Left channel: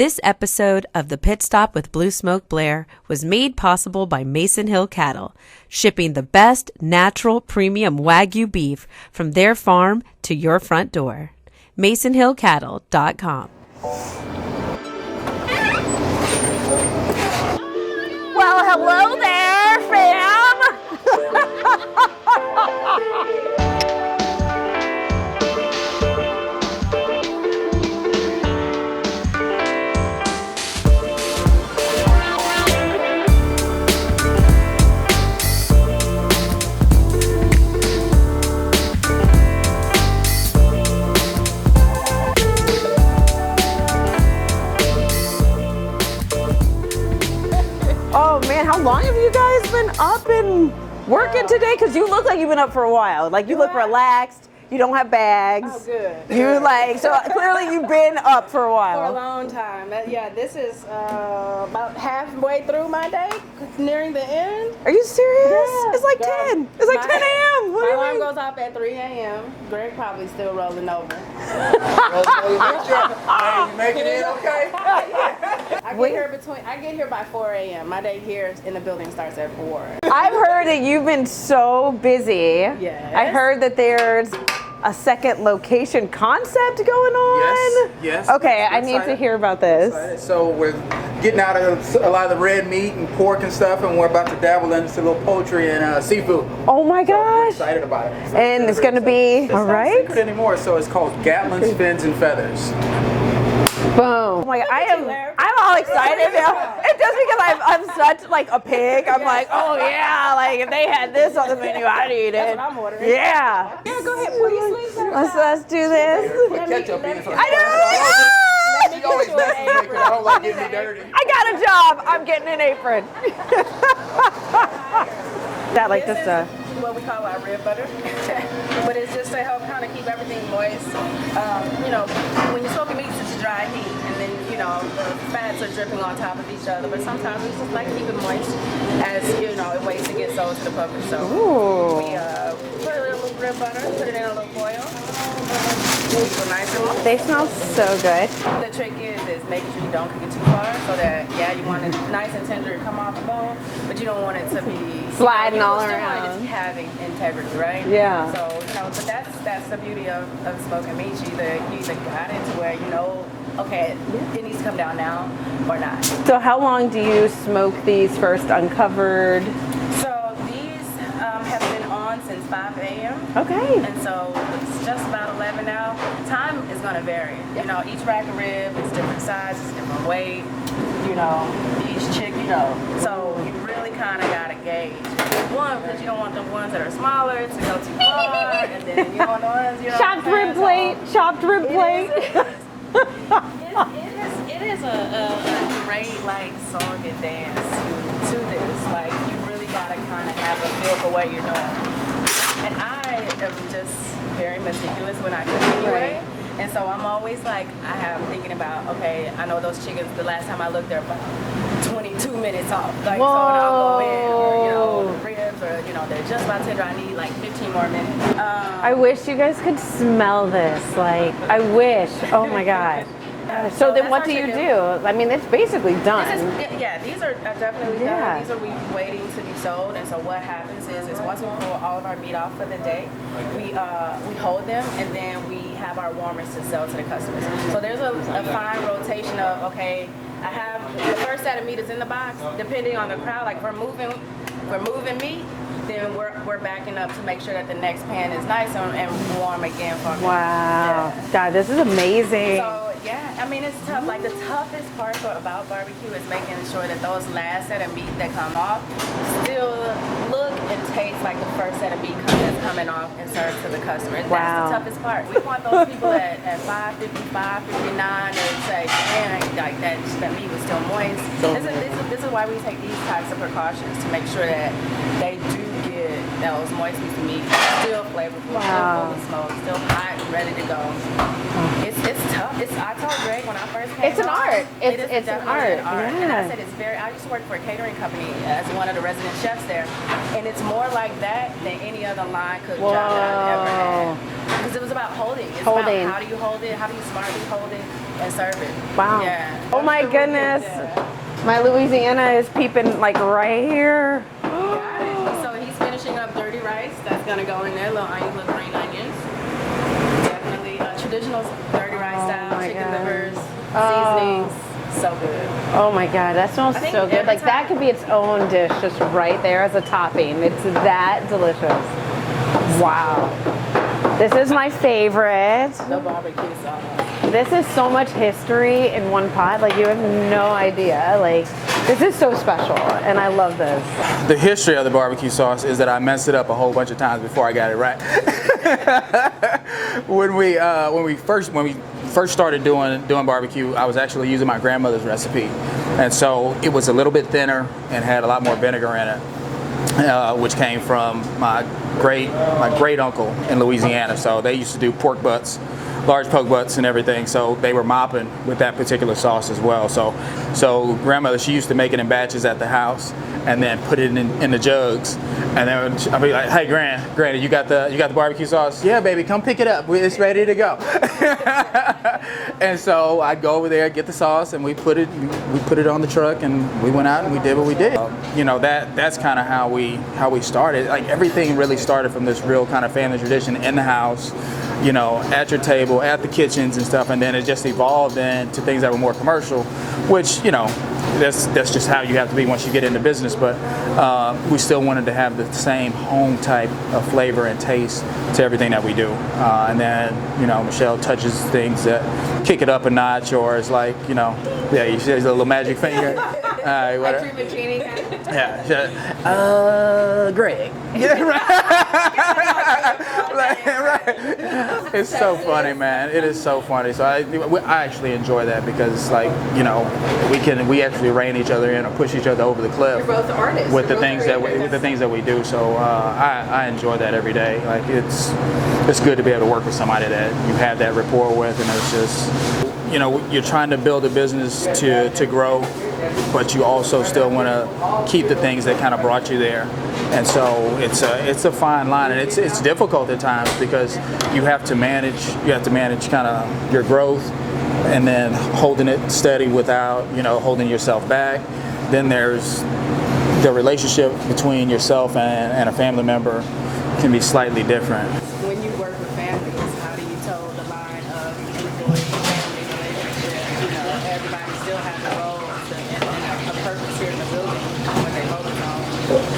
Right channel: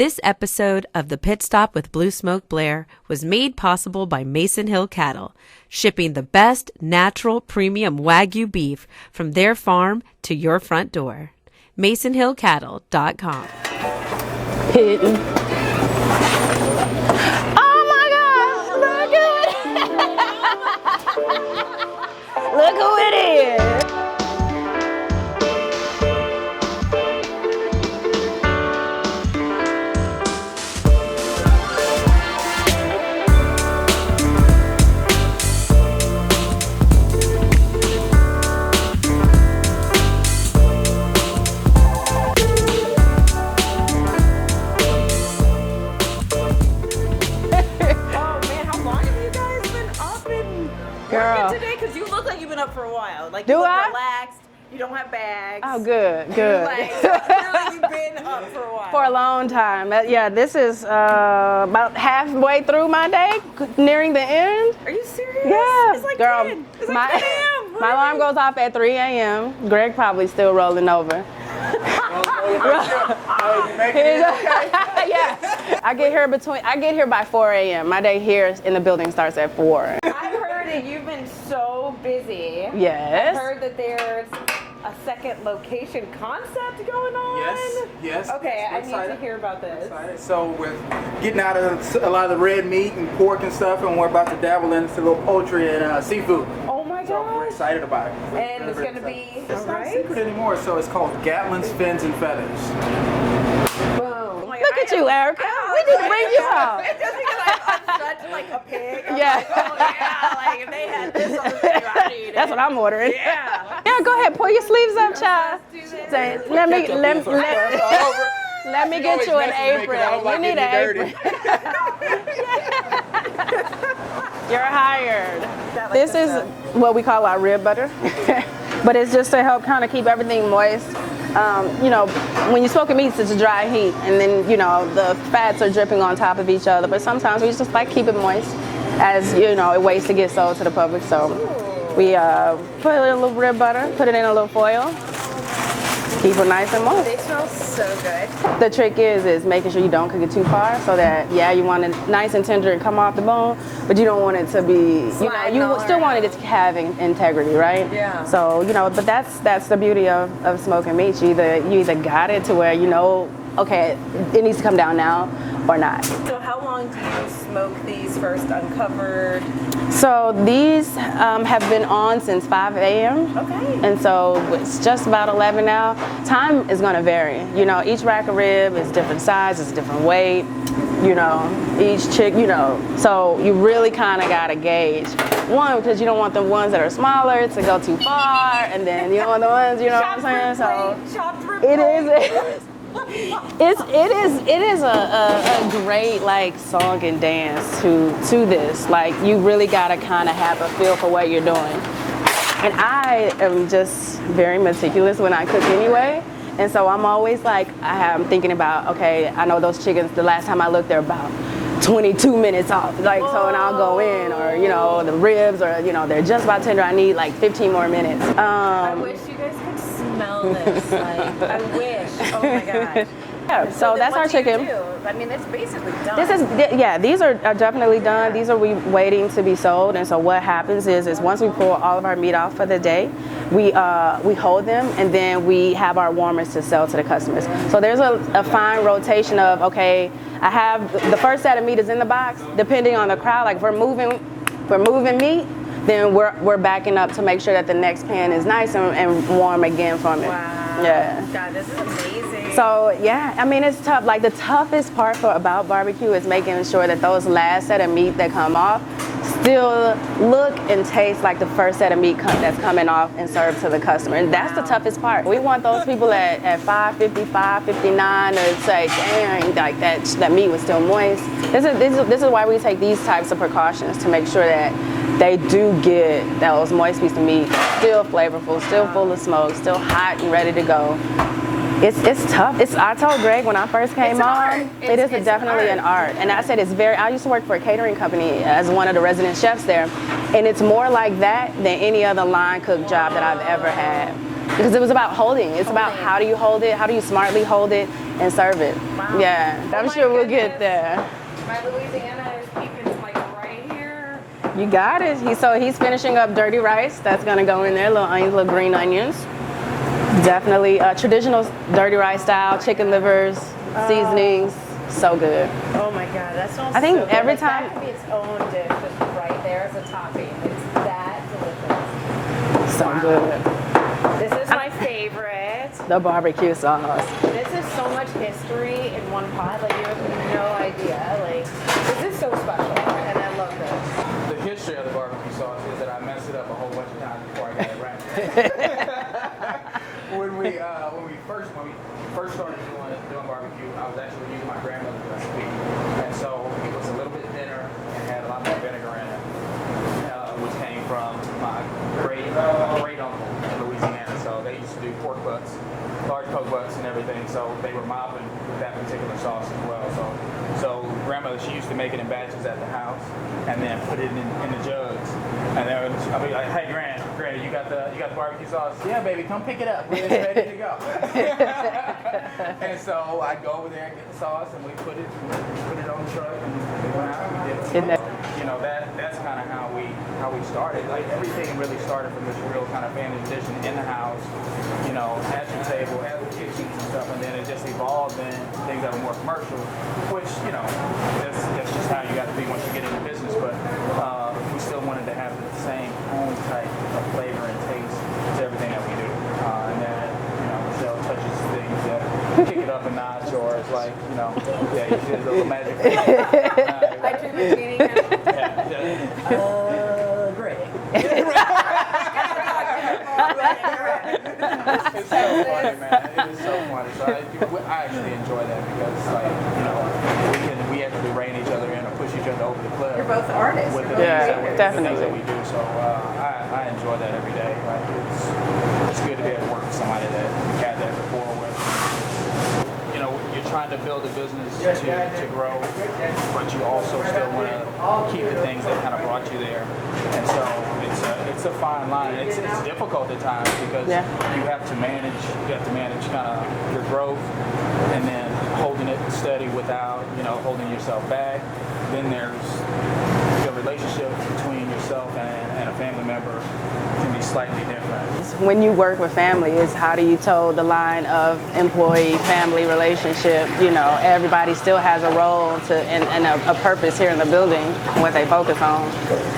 This episode of The Pit Stop with Blue Smoke Blaire was made possible by Mason Hill Cattle, shipping the best natural premium Wagyu beef from their farm to your front door. MasonHillCattle.com. Oh my God! Well, hello there, fam. Look who it is! Working today? Because you look like you've been up for a while. Like you look relaxed. You don't have bags. Oh, good. You're like, so clearly you've been up for a while. For a long time. Yeah, this is about halfway through my day, nearing the end. Are you serious? Yeah. It's like Girl, 10. It's like 10 a.m. My alarm goes off at 3 a.m. Greg probably still rolling over. Hey, you making it okay? Yeah. I get here by 4 a.m. My day here in the building starts at 4. I've heard that you've been so busy. Yes. I've heard that there's a second location concept going on. Yes. Okay, I need to hear about this. So we're getting out of a lot of the red meat and pork and stuff, and we're about to dabble into a little poultry and seafood. Oh my So we're gosh. excited about it. And it's going to be, It's all not right? secret anymore, so it's called Gatlin's Fins and Feathers. Boom. Like, Look at you, Erica. I'm all Look at excited you. now. It's just because I'm such like a pig. I'm like, oh yeah, like if they had this on the menu, I'd eat it. That's what I'm ordering. Yeah. Yeah, go ahead, pull your sleeves up, child. Let's do this. Let me get you an apron. You need an apron. I got a job. I'm getting an apron. You're hired. This is what we call our rib butter. But it's just to help kind of keep everything moist. You know, when you're smoking meats, it's a dry heat, and then, you know, the fats are dripping on top of each other. But sometimes we just like keep it moist, as, you know, it waits to get sold to the public. So we put a little rib butter, put it in a little foil. Keep it nice and moist. They smell so good. The trick is making sure you don't cook it too far, so that, yeah, you want it nice and tender and come off the bone, but you don't want it to be sliding all you still want it to have integrity, right? Yeah. So, you know, but that's the beauty of smoking meat. You either got it to where you know, okay, it needs to come down now or not. So how long do you smoke these first uncovered? So these have been on since 5 a.m. Okay. And so it's just about 11 now. Time is going to vary. You know, each rack of rib is different size, it's different weight. You know, each chick, you know. So you really kind of got to gauge. One, because you don't want the ones that are smaller to go too far, and then you don't want the ones, you know. Chopped rib plate. Chopped rib plate. It is a great like song and dance to this. Like you really gotta kind of have a feel for what you're doing. And I am just very meticulous when I cook anyway. And so I'm always like, I'm thinking about, okay, I know those chickens, the last time I looked, they're about 22 minutes off. Like, so and I'll go in, or, you know, the ribs, or, you know, they're just about tender. I need like 15 more minutes. I wish you guys could smell this. Like, I wish. Oh my God. So then what do you do? I mean, it's basically done. These are definitely done. Yeah. These are waiting to be sold. And so what happens is once we pull all of our meat off for the day, we hold them, and then we have our warmers to sell to the customers. So there's a fine rotation of, okay, I have the first set of meat is in the box, depending on the crowd. Like if we're moving meat, then we're backing up to make sure that the next pan is nice and warm again from it. Wow. Yeah. God, this is amazing. So yeah, I mean, it's tough. Like the toughest part about barbecue is making sure that those last set of meat that come off still look and taste like the first set of meat that's coming off and served to the customer. And that's the toughest part. We want those people at 5:50, 5:59 to say, dang, like that meat was still moist. This is why we take these types of precautions to make sure that they do get those moist pieces of meat still flavorful, still full of smoke, still hot and ready to go. It's tough. I told Greg when I first came It's an on, art. it is It's definitely an art. And I said I used to work for a catering company as one of the resident chefs there, and it's more like that than any other line cook job that I've ever had. Because it was about holding. It's about how do you hold it, how do you smartly hold it and serve it. Wow. Yeah. Oh my We'll get goodness. there. My Louisiana is peeping like right here. You got it. So he's finishing up dirty rice. That's gonna go in there. Little onions, little green onions. Definitely traditional dirty rice style. Chicken livers, seasonings. So good. Oh my God, that smells I think so good. every Like, that time- could be its own dish, just right there as a topping. It's that delicious. Wow. This is my favorite. The barbecue sauce. This is so much history in one pot. Like, you have no idea. Like, this is so special, and I love this. The history of the barbecue sauce is that I messed it up a whole bunch of times before I got it right. when we first started doing barbecue, I was actually using my grandmother's recipe, and so it was a little bit thinner and had a lot more vinegar in it. Which came from my great uncle in Louisiana. So they used to do pork butts, large pork butts and everything. So they were mopping with that particular sauce as well. So grandmother, she used to make it in batches at the house and then put it in the jugs. And then I'd be like, hey, Granny, you got the barbecue sauce? Yeah, baby, come pick it up. It's ready to go. And so I'd go over there, get the sauce, and we put it on the truck, and we went out and we did what we did. You know, that's kind of how we started. Like, everything really started from this real kind of family tradition in the house, you know, at your table, at the kitchens and stuff, and then it just evolved into things that were more commercial, which, you know, that's just how you have to be once you get into business. But we still wanted to have the same home type of flavor and taste to everything that we do. And then, you know, Michelle touches things that kick it up a notch, or it's like, you know, yeah, you see a little magic finger. Greg. It's so funny, man. It is so funny. So I actually enjoy that because, like, you know, we actually rein each other in or push each other over the cliff. You're both artists. With the things that we do. So I enjoy that every day. Like, it's good to be able to work with somebody that you have that rapport with, and it's just, you know, you're trying to build a business to grow, but you also still want to keep the things that kind of brought you there. And so it's a fine line, and it's difficult at times because you have to manage kind of your growth and then holding it steady without, you know, holding yourself back. Then there's the relationship between yourself and a family member can be slightly different. When you work with family, is how do you toe the line of employee-family relationship? You know, everybody still has a role and a purpose here in the building, what they focus on.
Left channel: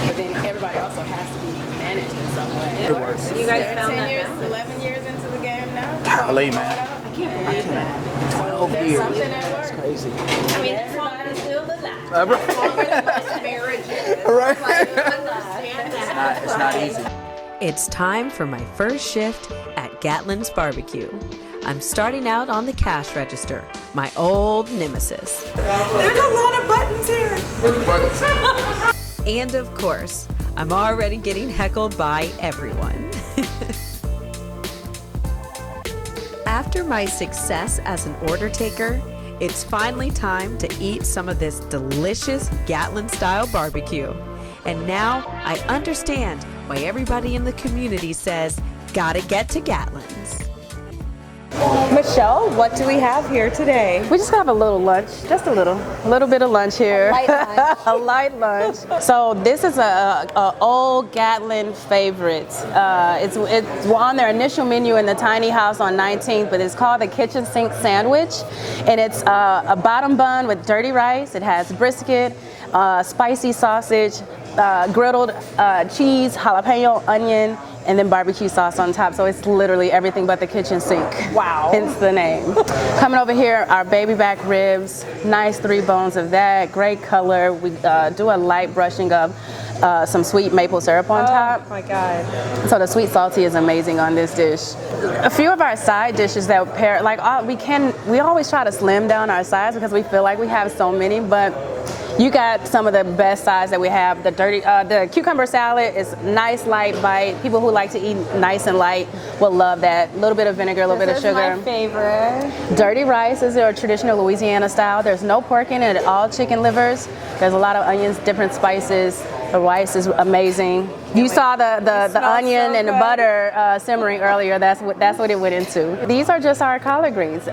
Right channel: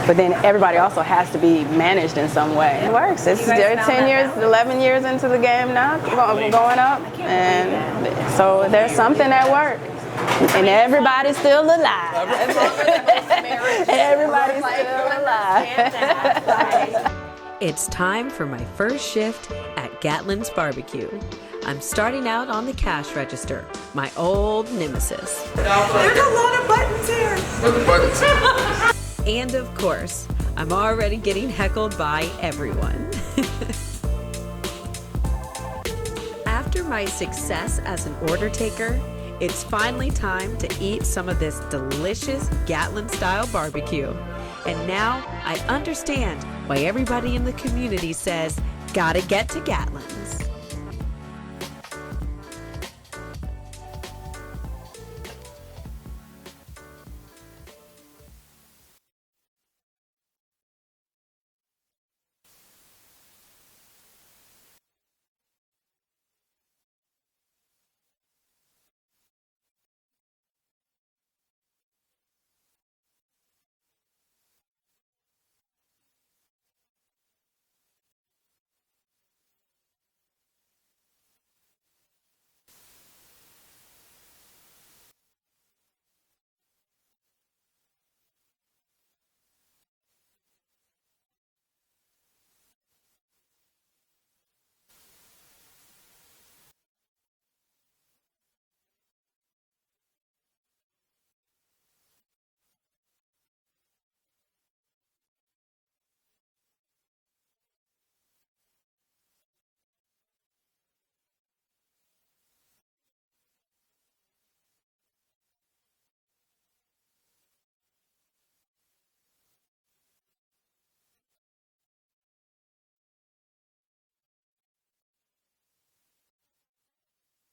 But then everybody also has to be managed in some way. It works. You're 10 years, 11 years into the game now, going up. And so there's something that works. And everybody's still alive. As long as the marriage, Everybody's still alive. It's time for my first shift at Gatlin's Barbecue. I'm starting out on the cash register, my old nemesis. there's a lot of buttons here. And of course, I'm already getting heckled by everyone. After my success as an order taker, it's finally time to eat some of this delicious Gatlin-style barbecue. And now I understand why everybody in the community says, gotta get to Gatlin's. Michelle, what do we have here today? We just have a little lunch, just a little bit of lunch here. Light lunch. A light lunch. So this is a old Gatlin favorite. It's on their initial menu in the tiny house on 19th, but it's called the kitchen sink sandwich, and it's a bottom bun with dirty rice. It has brisket, spicy sausage, griddled cheese, jalapeno, onion, and then barbecue sauce on top. So it's literally everything but the kitchen sink. Wow. Hence the name. Coming over here, our baby back ribs, nice 3 bones of that, great color. We do a light brushing of some sweet maple syrup on top. Oh my God. So the sweet salty is amazing on this dish. A few of our side dishes that pair, like we always try to slim down our sides because we feel like we have so many, but you got some of the best sides that we have. The cucumber salad is nice, light bite. People who like to eat nice and light will love that. A little bit of vinegar, a little bit of sugar. This is my favorite. Dirty rice is our traditional Louisiana style. There's no pork in it, all chicken livers. There's a lot of onions, different spices, The rice is amazing. You saw the onion so and the good. butter simmering earlier. That's what it went into. These are just our collard greens.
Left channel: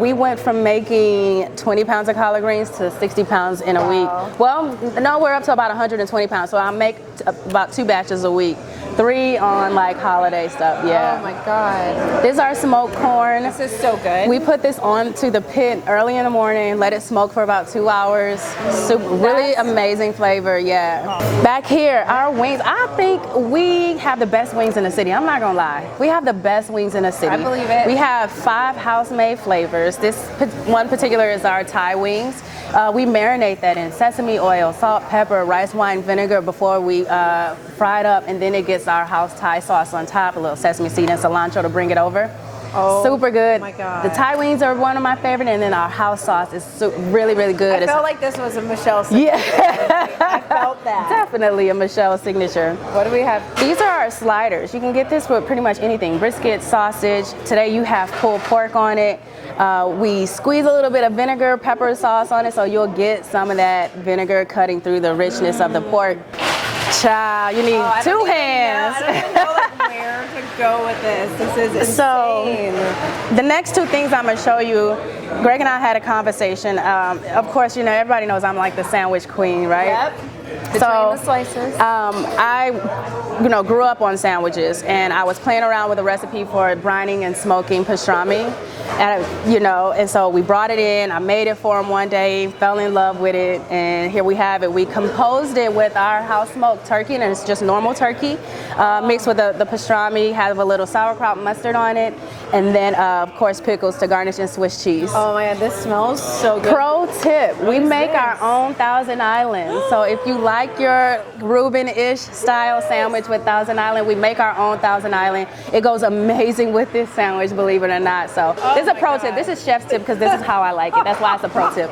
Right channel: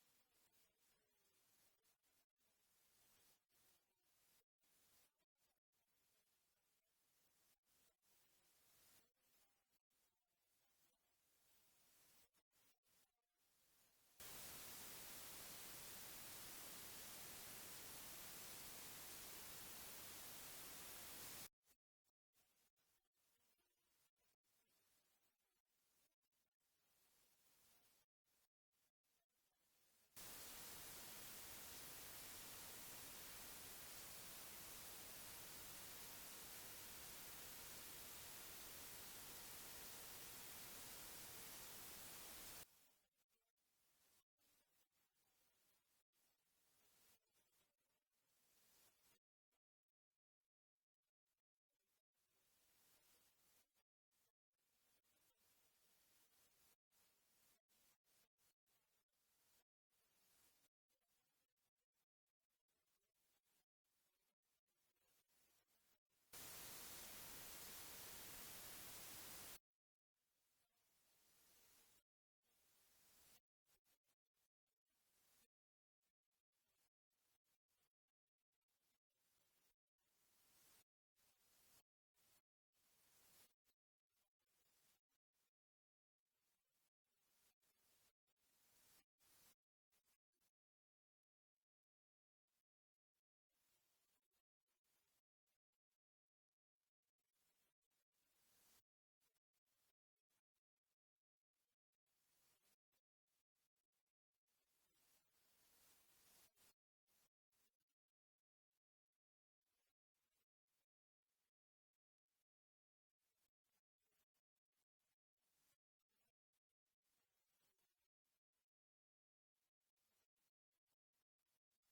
We went from making 20 pounds of collard greens to 60 pounds in a week. Well, no, we're up to about 120 pounds. So I make about 2 batches a week. 3 on like holiday stuff. Yeah. Oh my God. This is our smoked corn. This is so good. We put this onto the pit early in the morning, let it smoke for about 2 hours. Really amazing flavor, yeah. Back here, our wings, I think we have the best wings in the city. I'm not gonna lie. We have the best wings in the city. I believe it. We have 5 house-made flavors. This one particular is our Thai wings. We marinate that in sesame oil, salt, pepper, rice wine vinegar before we fry it up, and then it gets our house Thai sauce on top, a little sesame seed and cilantro to bring it over. Oh, super good. my God. The Thai wings are one of my favorite, and then our house sauce is really, really good. I felt like this was a Michelle signature. Yeah. I felt that. Definitely a Michelle signature. What do we have? These are our sliders. You can get this with pretty much anything. Brisket, sausage. Today you have pulled pork on it. We squeeze a little bit of vinegar, pepper sauce on it, so you'll get some of that vinegar cutting through the richness of the pork. Child, you need 2 hands. I don't even know like, where to go with this. This is insane. So, the next 2 things I'm gonna show you, Greg and I had a conversation. Of course, you know, everybody knows I'm like the sandwich queen, right? Yep. Between the slices. I grew up on sandwiches, and I was playing around with a recipe for brining and smoking pastrami, and so we brought it in. I made it for him one day, fell in love with it, and here we have it. We composed it with our house smoked turkey, and it's just normal turkey, mixed with the pastrami, have a little sauerkraut mustard on it, and then of course pickles to garnish, and Swiss cheese. Oh my God, this smells so good. Pro tip, we make our own Thousand Island. So if you like your Reuben-ish style sandwich with Thousand Island, we make our own Thousand Island. It goes amazing with this sandwich, believe it or not. So this is a pro tip. This is chef's tip because this is how I like it. That's why it's a pro tip.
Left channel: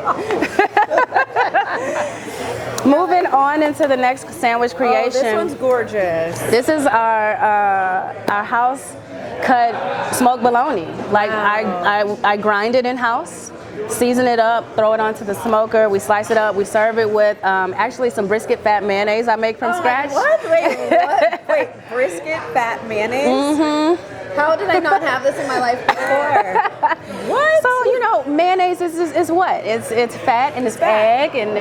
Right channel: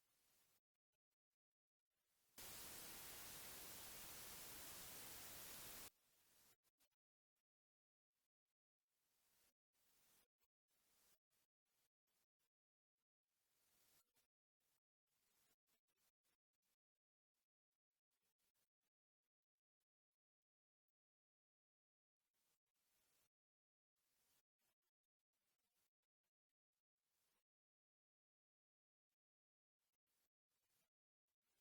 Moving on into the next sandwich creation. Oh, this one's gorgeous. This is our house cut smoked bologna. Like I grind it in house, season it up, throw it onto the smoker. We slice it up. We serve it with actually some brisket fat mayonnaise I make from scratch. What? Wait, what? Wait, brisket fat mayonnaise? Mm-hmm. How did I not have this in my life before? What? So mayonnaise is what? It's fat and it's egg, and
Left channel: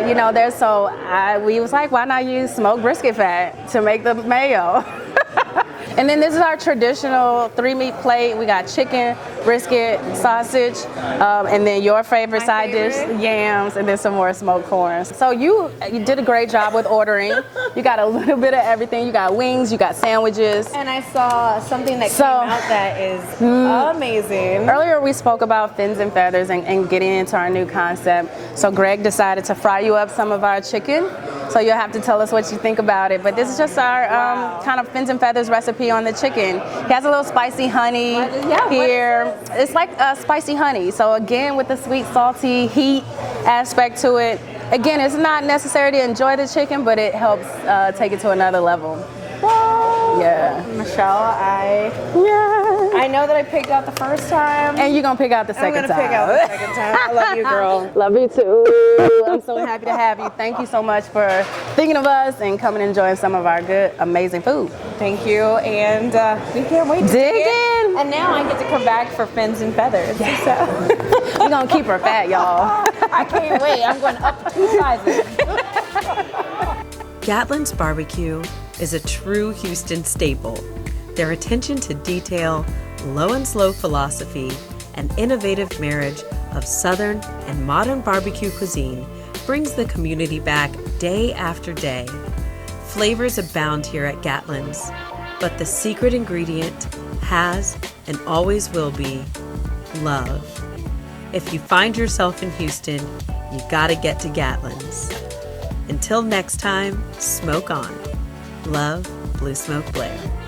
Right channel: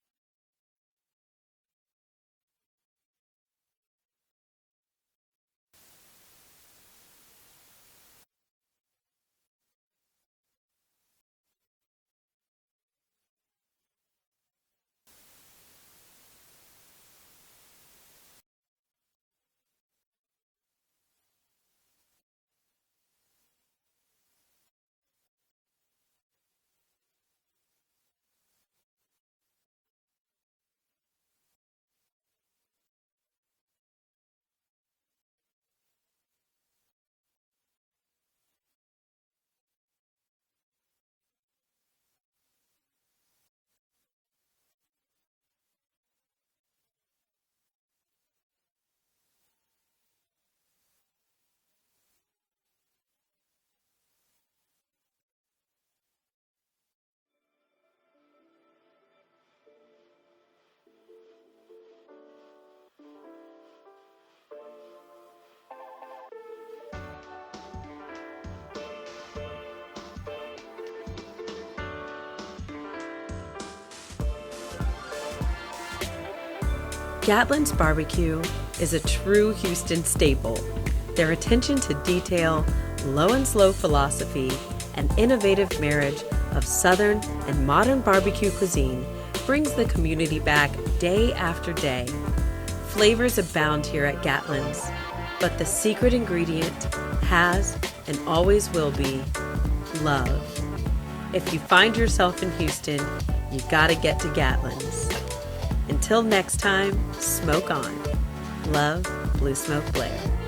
we was like, why not use smoked brisket fat to make the mayo? And then this is our traditional 3-meat plate. We got chicken, brisket, sausage, and then your favorite side dish, yams, and then some more smoked corn. So you did a great job with ordering. You got a little bit of everything. You got wings, you got sandwiches. And I saw something that came out that is amazing. Earlier we spoke about fins and feathers and getting into our new concept. So Greg decided to fry you up some of our chicken. So you'll have to tell us what you think about it. But this is just our kind of fins and feathers recipe on the chicken. He has a little spicy honey here. It's like spicy honey. So again, with the sweet, salty heat aspect to it. Again, it's not necessary to enjoy the chicken, but it helps take it to another level. Whoa. Yeah. Michelle, I know that I picked out the first time. And you're going to pick out the second time. I'm going to pick out the second time. I love you, girl. Love you too. I'm so happy to have you. Thank you so much for thinking of us and coming and enjoying some of our good, amazing food. Thank you. And we can't wait to dig in. And now I get to come back for fins and feathers. Yeah. So. We're going to keep her fat, y'all. I can't wait. I'm going up 2 sizes. Gatlin's Barbecue is a true Houston staple. Their attention to detail, low and slow philosophy, and innovative marriage of Southern and modern barbecue cuisine brings the community back day after day. Flavors abound here at Gatlin's, but the secret ingredient has and always will be love. If you find yourself in Houston, you gotta get to Gatlin's. Until next time, smoke on. Love, Blue Smoke Blaire.